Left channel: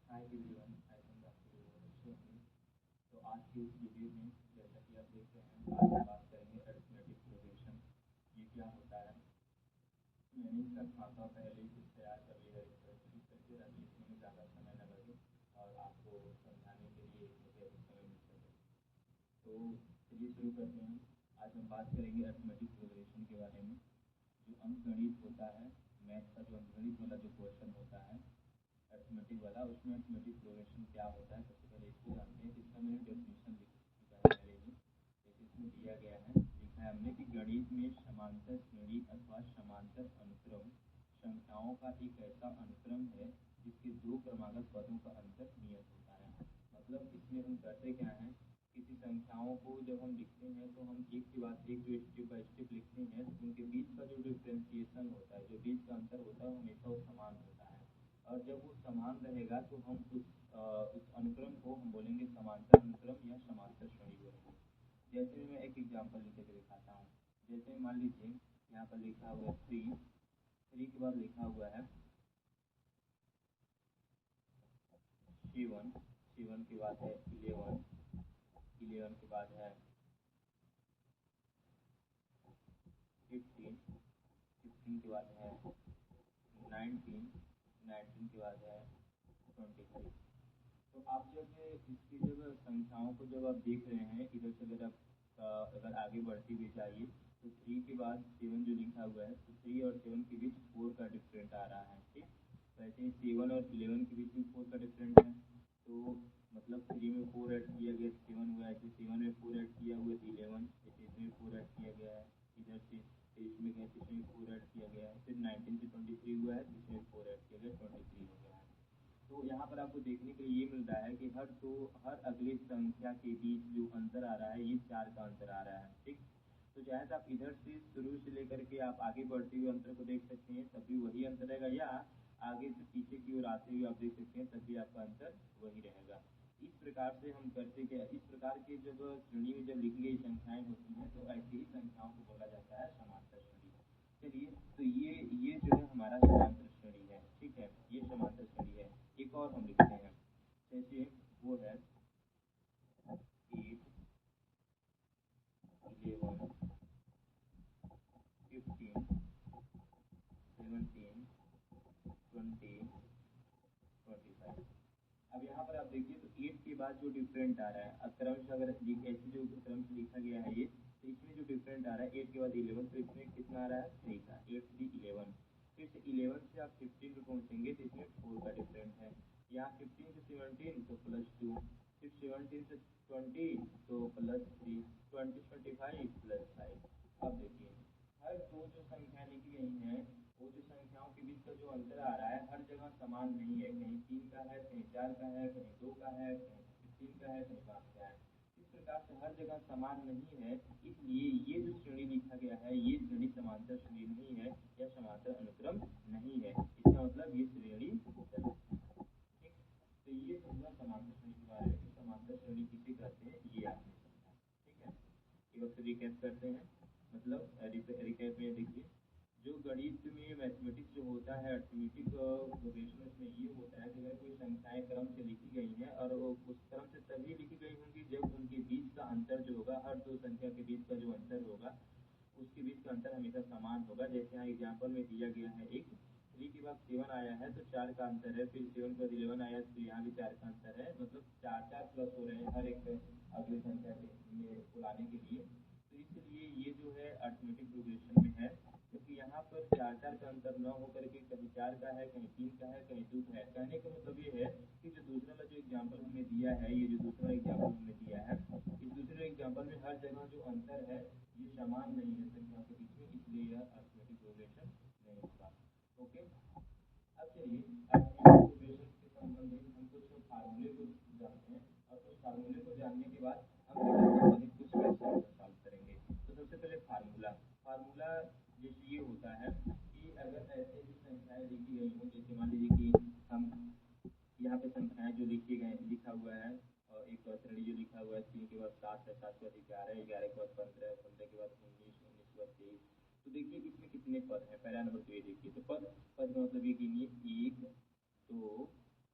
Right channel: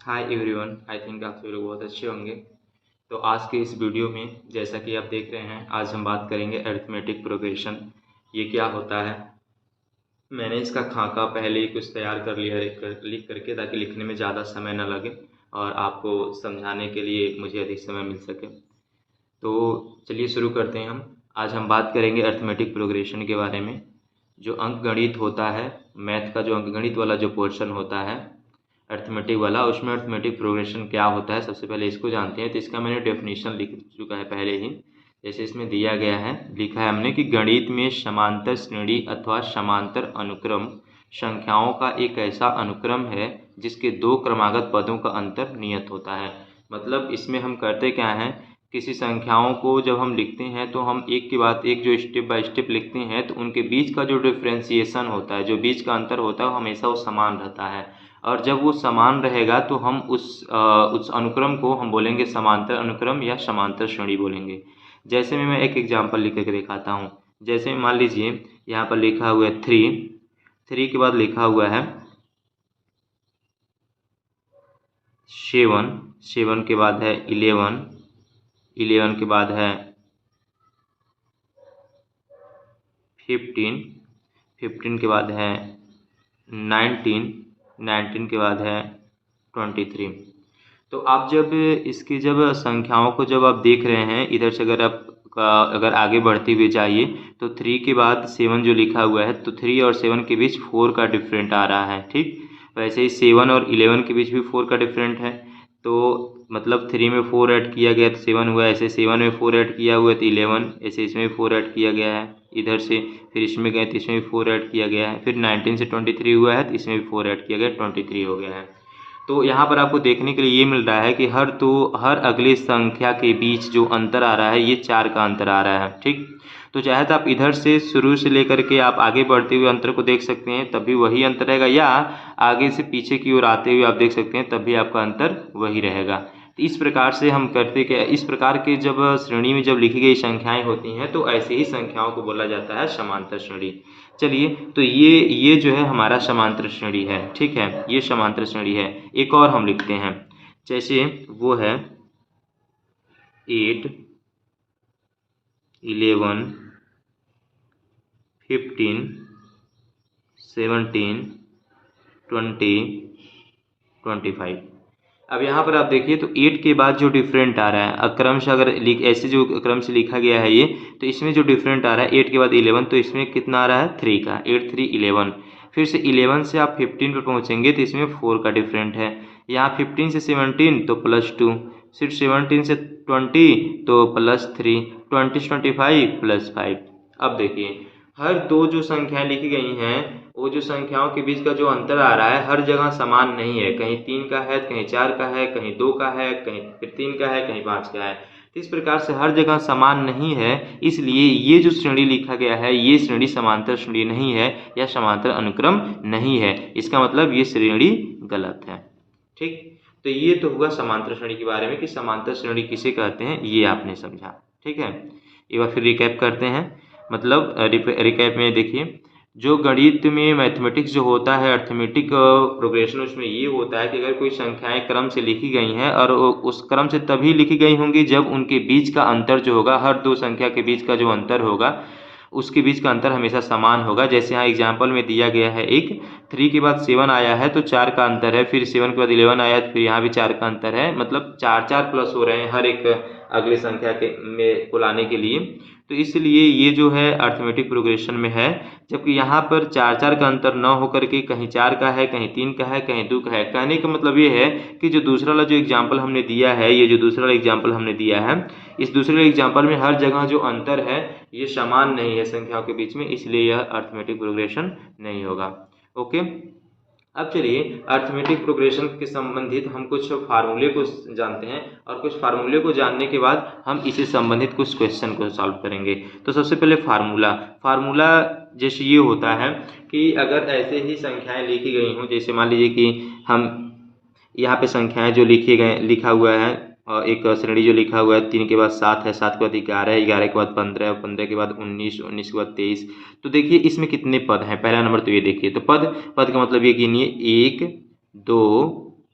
Hi everyone, I think आप सभी लोग बहुत अच्छे होंगे। तो आज के इस वीडियो में जैसा कि आप देख रहे हैं, आज हम बात करेंगे अरिथमेटिक प्रोग्रेशन। ये क्या होता है। मैंने इसका खाका पहले ही कुछ तैयार कर लिया है लिख करके, ताकि लिखने में ज़्यादा समय न लगे और आपको समझाने के लिए मुझे अधिक समय मिल सके। तो चलिए शुरू करते हैं हम। आज हम बात करेंगे अरिथमेटिक प्रोग्रेशन के बारे में। जो अंकगणित होता है, मैथ का जो अंकगणित वाला जो पोर्शन होता है अरिथमेटिक वाला, उसमें अरिथमेटिक प्रोग्रेशन क्या होता है सबसे पहले इसको जानते हैं। तो इसका मैंने डेफिनेशन लिख चुका है पहले ही। जैसे इसमें दिया गया है, लिखा है हमने कि गणित में समांतर श्रेणी अथवा समांतर अनुक्रम संख्याओं का एक ऐसा अनुक्रम है जिसके दो क्रमागत पदों का अंतर नियत होता है। मतलब इसमें हम करते क्या हैं, किसी संख्याओं को जब हम लिखते हैं तो हम एक के बाद एक जो स्टेप बाय स्टेप लिखते हैं, तो उनके बीच का जो डिफ्रेंसिएशन होता है, जो बीच का अंतर होता है, वो हमेशा वो समान रहता है। और जब वो समान रहेगा तो हम उस अनुक्रम को हम बोलेंगे समांतर अनुक्रम या समांतर श्रेणी बोलेंगे। जैसे मैं एक एग्जांपल लिख करके दिखाता हूँ। जैसे मान लीजिए यहाँ पर लिखा हुआ है 3 के बाद लिखा हुआ है 7 के बाद है 11 के बाद है 15 के बाद है 19 के बाद है 23। तो आप जब संख्याओं को जब आप देख रहे हैं, इधर से अगर आगे बढ़ते हुए जाइए तो 3 के बाद 7 जो लिखा हुआ है, तो 3 और 7 के बीच 4 का डिफरेंट आ रहा है। ठीक, वैसे ही 7 और 11 के बीच भी 4 का डिफरेंट है। तो मतलब 3 में 4 ऐड किया गया तो 7 हुआ, ऐसे 7 में 4 ऐड किया हुआ तो 11, ऐसे इसमें 4 ऐड किया गया है इधर से, फिर इसमें गए तो इसमें भी 4 ऐड किया गया है, फिर 19 से 23 हुआ है तो इसमें भी 4 ऐड किया गया, 23 हो गया है। तो यहाँ पर आपको देखने के लिए ये मिल रहा है कि हर अगली संख्या के बीच जो अंतर आ रहा है, ये 4 का अंतर आ रहा है। ठीक, तो चाहे तो आप इधर से शुरू से लेकर के आप आगे बढ़ते हुए अंतर को देख सकते हैं, तब भी वही अंतर रहेगा, या आगे से पीछे की ओर आते हुए आप देख सकते हैं, तब भी आपका अंतर वही रहेगा। तो इस प्रकार से हम करते क्या, इस प्रकार के जब श्रेणी में जब लिखी गई संख्याएं होती हैं, तो ऐसे ही संख्याओं को बोला जाता है समांतर श्रेणी। चलिए, तो ये जो है हमारा समांतर श्रेणी है। ठीक है, ये समांतर श्रेणी है। एक और हम लिखते हैं, जैसे वो है 8, 11, 15, 17, 20, 25। अब यहाँ पर आप देखिए तो 8 के बाद जो डिफरेंट आ रहा है, अक्रम से अगर ऐसे जो क्रम से लिखा गया है ये, तो इसमें जो डिफरेंट आ रहा है 8 के बाद 11, तो इसमें कितना आ रहा है 3 का, 8 3 11। फिर से 11 से आप 15 पर पहुँचेंगे तो इसमें 4 का डिफरेंट है। यहाँ 15 से 17 तो +2, फिर 17 से 20 तो +3, 20 से 25 +5। अब देखिए, हर दो जो संख्याएं लिखी गई हैं, वो जो संख्याओं के बीच का जो अंतर आ रहा है, हर जगह समान नहीं है। कहीं 3 का है, कहीं 4 का है, कहीं 2 का है, कहीं फिर 3 का है, कहीं 5 का है। तो इस प्रकार से हर जगह समान नहीं है, इसलिए ये जो श्रेणी लिखा गया है, ये श्रेणी समांतर श्रेणी नहीं है या समांतर अनुक्रम नहीं है। इसका मतलब ये श्रेणी गलत है। ठीक, तो ये तो हुआ समांतर श्रेणी के बारे में कि समांतर श्रेणी किसे कहते हैं, ये आपने समझा। ठीक है, एक बार फिर रिकैप करते हैं। मतलब रिकैप में देखिए, जो गणित में मैथमेटिक्स जो होता है, अर्थमेटिक प्रोग्रेशन, उसमें ये होता है कि अगर कोई संख्याएं क्रम से लिखी गई हैं और उस क्रम से तभी लिखी गई होंगी जब उनके बीच का अंतर जो होगा, हर दो संख्या के बीच का जो अंतर होगा, उसके बीच का अंतर हमेशा समान होगा। जैसे यहाँ एग्जाम्पल में दिया गया है, एक 3 के बाद 7 आया है तो 4 का अंतर है, फिर 7 के बाद 11 आया तो फिर यहाँ भी 4 का अंतर है। मतलब 4 4 प्लस हो रहे हैं हर एक अगली संख्या के में को लाने के लिए। तो इसलिए ये जो है अर्थमेटिक प्रोग्रेशन में है। जबकि यहाँ पर 4 4 का अंतर न होकर के कहीं 4 का है, कहीं 3 का है, कहीं 2 का है। कहने का मतलब ये है कि जो दूसरा वाला जो एग्जाम्पल हमने दिया है, ये जो दूसरा वाला एग्जाम्पल हमने दिया है, इस दूसरे एग्जाम्पल में हर जगह जो अंतर है ये समान नहीं है संख्याओं के बीच में, इसलिए यह अर्थमेटिक प्रोग्रेशन नहीं होगा। ओके, अब चलिए अर्थमेटिक प्रोग्रेशन के संबंधित हम कुछ फार्मूले को जानते हैं, और कुछ फार्मूले को जानने के बाद हम इसे संबंधित कुछ क्वेश्चन को सॉल्व करेंगे। तो सबसे पहले फार्मूला जैसे ये होता है कि अगर ऐसे ही संख्याएं लिखी गई हों, जैसे मान लीजिए कि हम यहाँ पे संख्याएं जो लिखा हुआ है, एक श्रेणी जो लिखा हुआ है, 3 के बाद 7 है, 7 के बाद 11 है, 11 के बाद 15 है, 15 के बाद 19, 19 के बाद 23। तो देखिए इसमें कितने पद हैं। पहला नंबर तो ये देखिए, तो पद का मतलब ये गिनिए, 1 2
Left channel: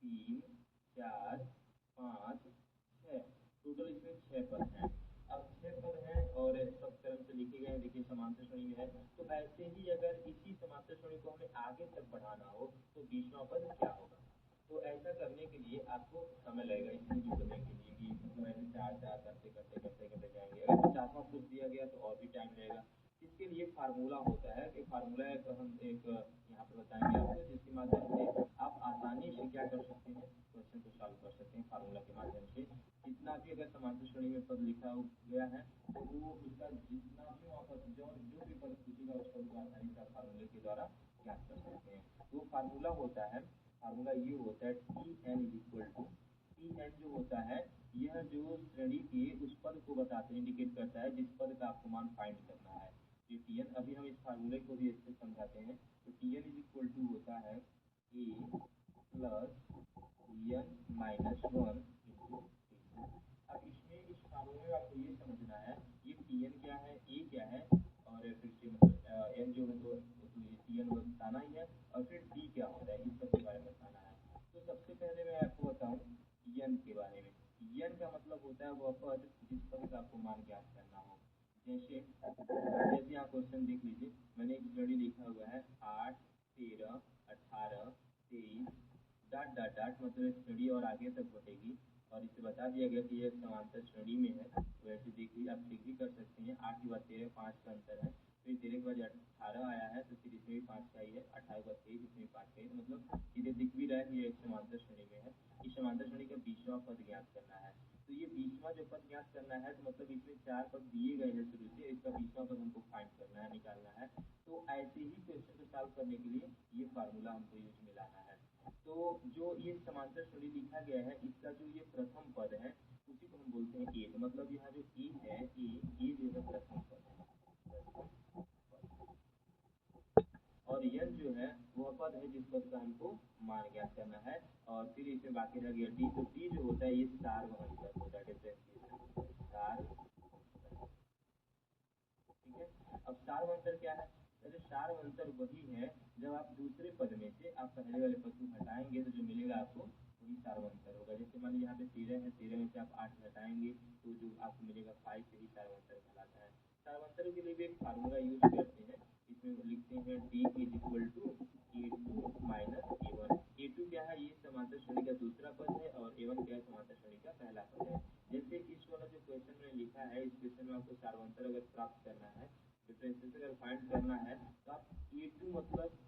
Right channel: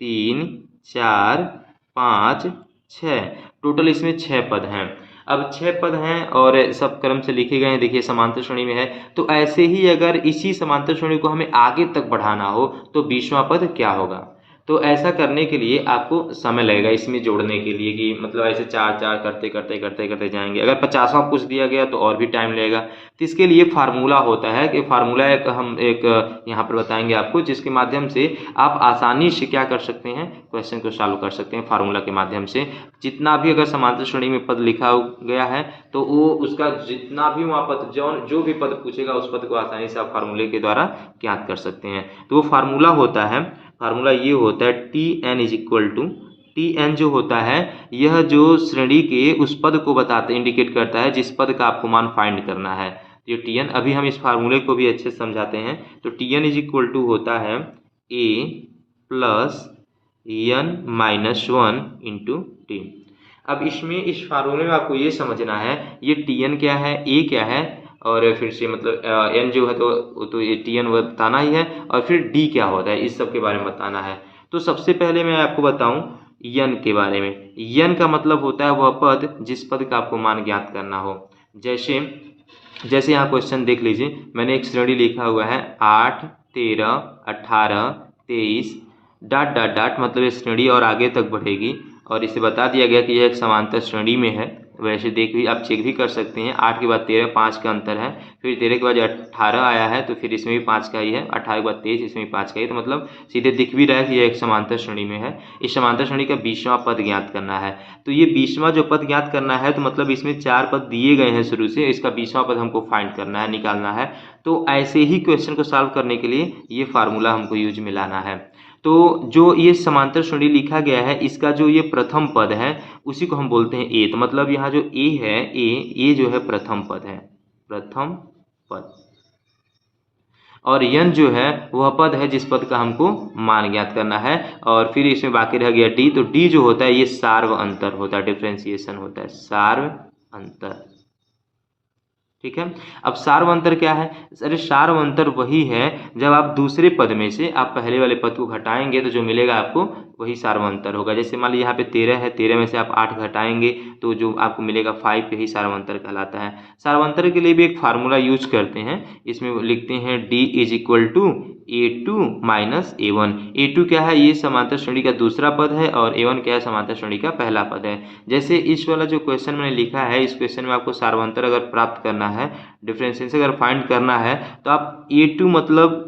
3 4 5 6, टोटल इसमें 6 पद हैं। अब 6 पद हैं और सब क्रम से लिखे गए हैं, देखिए समांतर श्रेणी में है। तो ऐसे ही अगर इसी समांतर श्रेणी को हमें आगे तक बढ़ाना हो तो 20वां पद क्या होगा? तो ऐसा करने के लिए आपको समय लगेगा इसमें जोड़ने के लिए, कि मतलब ऐसे 4 4 करते करते करते करते जाएंगे। अगर 50वां पूछ दिया गया तो और भी टाइम लगेगा। तो इसके लिए फार्मूला होता है, कि फार्मूला हम एक यहाँ पर बताएंगे आपको, जिसके माध्यम से आप आसानी से क्या कर सकते हैं, क्वेश्चन को सॉल्व कर सकते हैं फार्मूला के माध्यम से। जितना भी अगर समांतर श्रेणी में पद लिखा गया है तो वो उसका जितना भी वहाँ पद जो भी पद पूछेगा उस पद को आसानी से आप फार्मूले के द्वारा ज्ञात कर सकते हैं। तो वो फार्मूला होता है, फार्मूला ये होता है T N is equal to, T N जो होता है यह जो श्रेणी के उस पद को बताते इंडिकेट करता है जिस पद का आपको मान फाइंड करना है। ये टी एन, अभी हम इस फार्मूले को भी अच्छे से समझाते हैं। तो T N is equal to होता है A plus N minus 1 into T. अब इसमें इस फार्मूले में आपको ये समझना है ये टी एन क्या है, ए क्या है, और फिर से मतलब एन जो है तो ये टी एन बताना ही है, और फिर डी क्या होता है इस सब के बारे में बताना है। तो सबसे पहले मैं आपको बताऊं यन के बारे में। यन का मतलब होता है वह पद जिस पद का आपको मान ज्ञात करना हो। जैसे जैसे यहाँ क्वेश्चन देख लीजिए, मैंने एक श्रेणी लिखा हुआ है 8 13 18 23 डाट डाट डाट, मतलब ये श्रेणी और आगे तक बढ़ेगी, और इसे बता दिया गया कि यह एक समांतर श्रेणी में है। वैसे देख भी आप चेक भी कर सकते हैं, 8 के बाद 13 5 का अंतर है, फिर 13 के बाद 18 आया है तो फिर इसमें भी 5 का ही है, 18 के बाद 23 इसमें भी 5 का ही, तो मतलब सीधे दिख भी रहा है कि यह एक समांतर श्रेणी में है। इस समांतर श्रेणी का 20वां पद ज्ञात करना है। तो ये 20वां जो पद ज्ञात करना है तो मतलब इसमें 4 पद दिए गए हैं शुरू से, इसका 20वां पद हमको फाइंड करना है, निकालना है। तो ऐसे ही क्वेश्चन को सॉल्व करने के लिए ये फार्मूला हमको यूज में लाना है। तो जो ये समांतर श्रेणी लिखा गया है इसका जो ये प्रथम पद है उसी को हम बोलते हैं ए। तो मतलब यहाँ जो ए है, ए जो है प्रथम पद है, प्रथम पद, और यन जो है वह पद है जिस पद का हमको मान ज्ञात करना है। और फिर इसमें बाकी रह गया डी, तो डी जो होता है ये सार्व अंतर होता है, डिफ्रेंसिएशन होता है, सार्व अंतर। ठीक है। अब सार्व अंतर क्या है? अरे सार्व अंतर वही है जब आप दूसरे पद में से आप पहले वाले पद को घटाएंगे तो जो मिलेगा आपको वही सार्व अंतर होगा। जैसे मान लीजिए यहाँ पे 13 है, 13 में से आप 8 घटाएंगे तो जो आपको मिलेगा 5, यही सार्व अंतर कहलाता है। सार्व अंतर के लिए भी एक फार्मूला यूज करते हैं, इसमें लिखते हैं D is equal to A2 minus A1। A2 क्या है? ये समांतर श्रेणी का दूसरा पद है, और A1 क्या है? समांतर श्रेणी का पहला पद है। जैसे इस वाला जो क्वेश्चन मैंने लिखा है, इस क्वेश्चन में आपको सार्वंतर अगर प्राप्त करना है, डिफरेंशिएशन अगर फाइंड करना है, तो आप A2 मतलब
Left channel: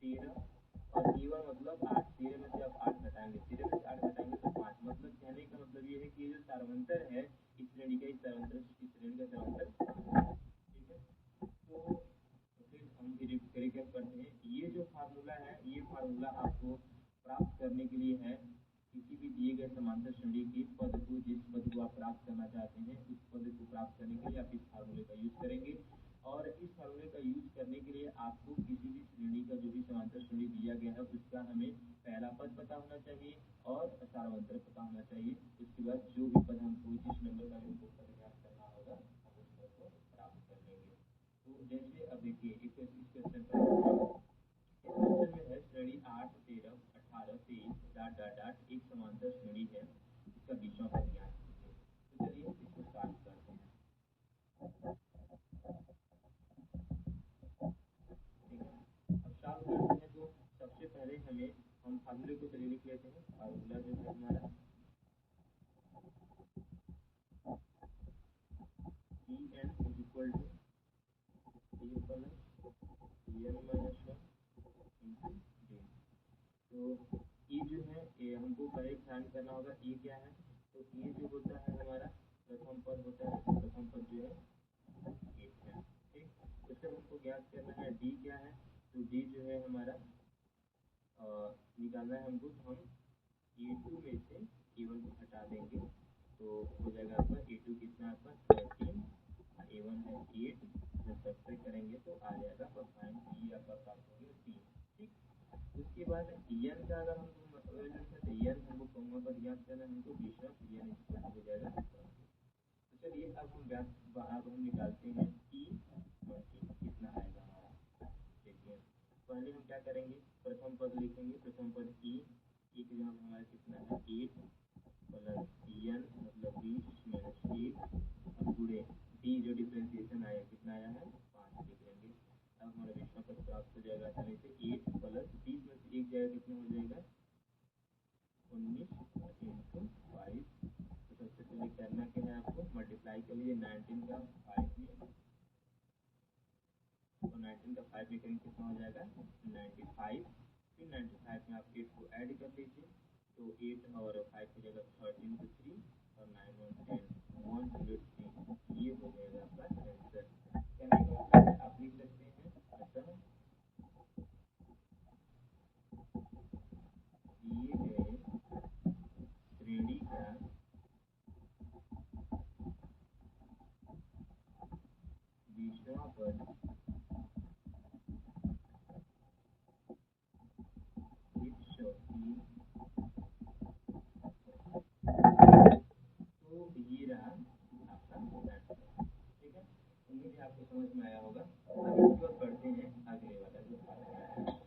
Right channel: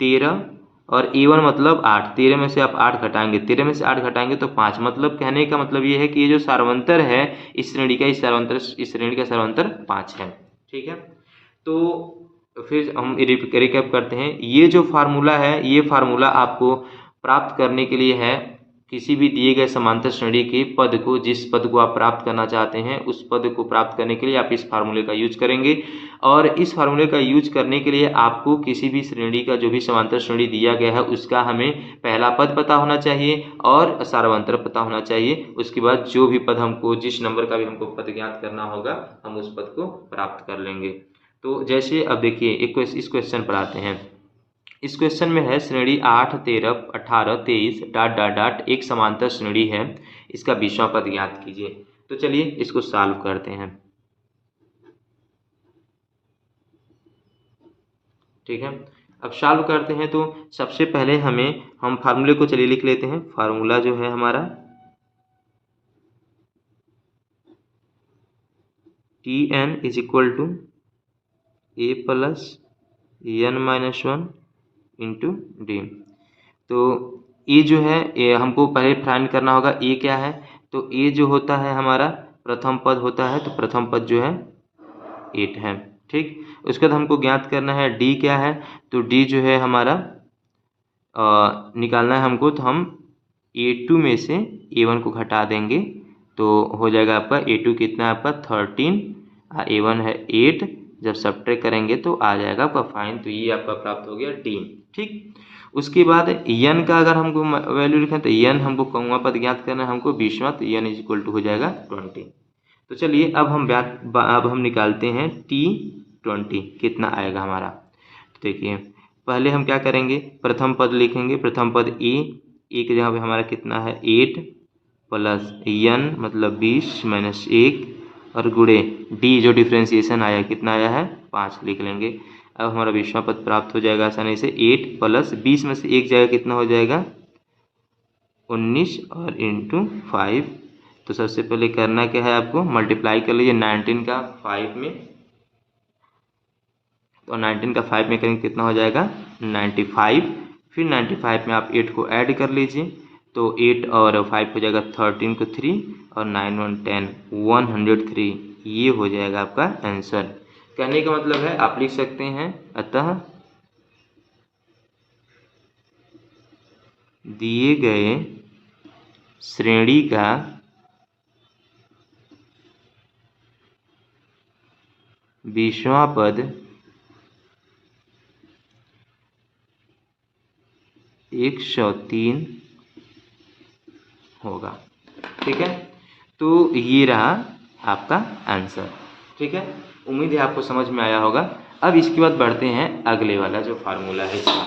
13 और A1 मतलब 8, 13 में से आप 8 घटाएंगे, 13 में से 8 घटाएंगे तो 5। मतलब कहने का मतलब ये है कि ये जो सार्वंतर है इस श्रेणी का, इस श्रेणी का सार्वंतर 5 है। ठीक है। तो फिर हम रिकैप करते हैं, ये जो फार्मूला है ये फार्मूला आपको प्राप्त करने के लिए है किसी भी दिए गए समांतर श्रेणी के पद को, जिस पद को आप प्राप्त करना चाहते हैं उस पद को प्राप्त करने के लिए आप इस फार्मूले का यूज करेंगे। और इस फार्मूले का यूज करने के लिए आपको किसी भी श्रेणी का जो भी समांतर श्रेणी दिया गया है उसका हमें पहला पद पता होना चाहिए और सार्वंतर पता होना चाहिए। उसके बाद जो भी पद हमको, जिस नंबर का भी हमको पद ज्ञात करना होगा, हम उस पद को प्राप्त कर लेंगे। तो जैसे अब देखिए इस क्वेश्चन पर आते हैं। इस क्वेश्चन में है श्रेणी 8 13 18 23 डाट डाट डाट एक समांतर श्रेणी है, इसका 20वां पद ज्ञात कीजिए। तो चलिए इसको सॉल्व करते हैं। ठीक है। अब सॉल्व करते हैं तो सबसे पहले हम फार्मूले को चलिए लिख लेते हैं। फार्मूला जो है हमारा T N is equal to A plus N minus 1 into D. तो ए जो है हमको पहले फाइंड करना होगा, ए क्या है? तो ए जो होता है हमारा प्रथम पद होता है, तो प्रथम पद जो है 8 है। ठीक। उसके बाद हमको ज्ञात करना है डी क्या है? तो डी जो है हमारा निकालना है हमको, तो हम A2 में से A1 को घटा देंगे तो हो जाएगा आपका A2 कितना है आपका 13, A1 है 8। जब सब्ट्रैक्ट करेंगे तो आ जाएगा आपका फाइन, तो ये आपका प्राप्त हो गया डी। ठीक। उसके बाद n का अगर हमको वैल्यू लिखें तो n हमको कौवा पद ज्ञात करना है हमको 20वां, तो n इज इक्वल टू हो जाएगा 20। तो चलिए अब हम निकालते हैं T20 कितना आएगा हमारा। तो देखिए पहले हम क्या करेंगे, प्रथम पद लिखेंगे, प्रथम पद ए की जगह पे हमारा कितना है 8 प्लस n मतलब 20 माइनस 1 और गुणे डी जो डिफ्रेंसिएशन आया कितना आया है 5 लिख लेंगे। अब हमारा विश्वा पद प्राप्त हो जाएगा आसानी से 8 प्लस 20 में से एक जगह कितना हो जाएगा 19 और इंटू 5। तो सबसे पहले करना क्या है आपको मल्टीप्लाई कर लीजिए 19 का 5 में, तो 19 का 5 में करेंगे कितना हो जाएगा 95। फिर 95 में आप 8 को ऐड कर लीजिए तो 8 और 5 हो जाएगा 13 को 3 और 9 1 10 103। ये हो जाएगा आपका आंसर। कहने का मतलब है आप लिख सकते हैं अतः दिए गए श्रेणी का बीसवां पद 103 होगा। ठीक है, तो ये रहा आपका आंसर। ठीक है, उम्मीद है आपको समझ में आया होगा। अब इसके बाद बढ़ते हैं अगले वाला जो फार्मूला है इसका।